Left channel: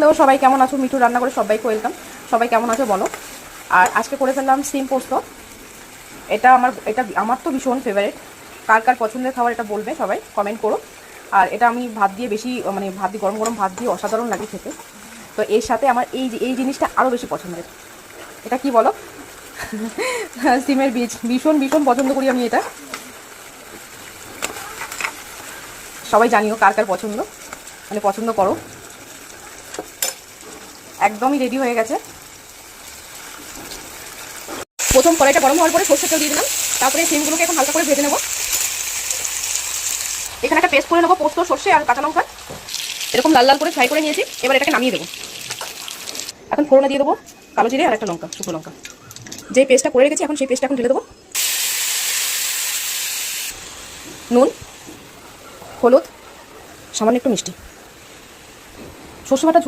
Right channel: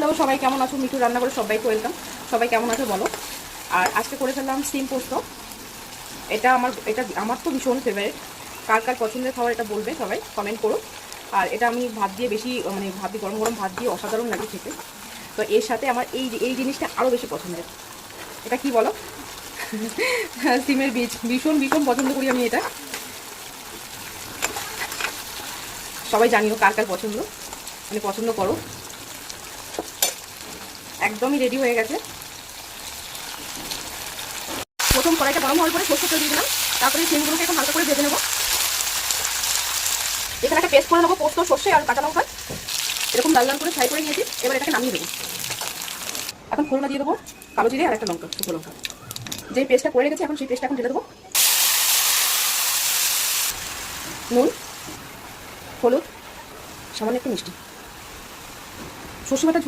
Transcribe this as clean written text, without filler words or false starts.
Hello, সবাই কেমন আছো? মিঠু রান্না করে সবাইকে ওয়েলকাম। সবাই কেমন আছো বলো। আর আজকে করে ফেললাম সিম পোস্ত। এটা আমার তো ভীষণ ফেভারিট। কার কার পছন্দের খাবার এটা বলবে, সবাই কমেন্ট করো। আর এটা আমি ভাত দিয়ে বেশি, মানে ভাত দিয়ে গরম গরম ভাত দিয়ে অসাধারণ লাগে খেতে। তো এর সাথে আমার এই জিনিসটা আরও বেশি পছন্দের। এটা কি বলো? সিমের বীজ ভীষণ ভীষণ পছন্দ করি আমি এটা। সবাই জানিও কার কার পছন্দ, মানে পছন্দ করো। একদমই রেডি হয়ে গেছে। প্রথম কড়াইটা গরম হওয়ার পরে সরষে তেল দিয়ে দিলাম। তারপরে সিমগুলোকে এখন হালকা করে ভেজে নেবো। এখানে একটা পেস্ট করে নেবো, পোস্ত, সর্ষে আর কাঁচা লঙ্কা। এরকম লাল লাল করে ফ্রাই করে নিয়েছি। এবার এটাকে নামিয়ে দেবো। এখন ফোড়নে দিয়ে দেবো কালো জিরে আর একটা লঙ্কা, শুকনো লঙ্কা। যে পেস্টটা করে রেখেছি এখন সেই পেস্টটা এখন ঢেলে দেবো। নুন, হলুদ, সামান্য একটু মিষ্টি। সর্ষে বাটা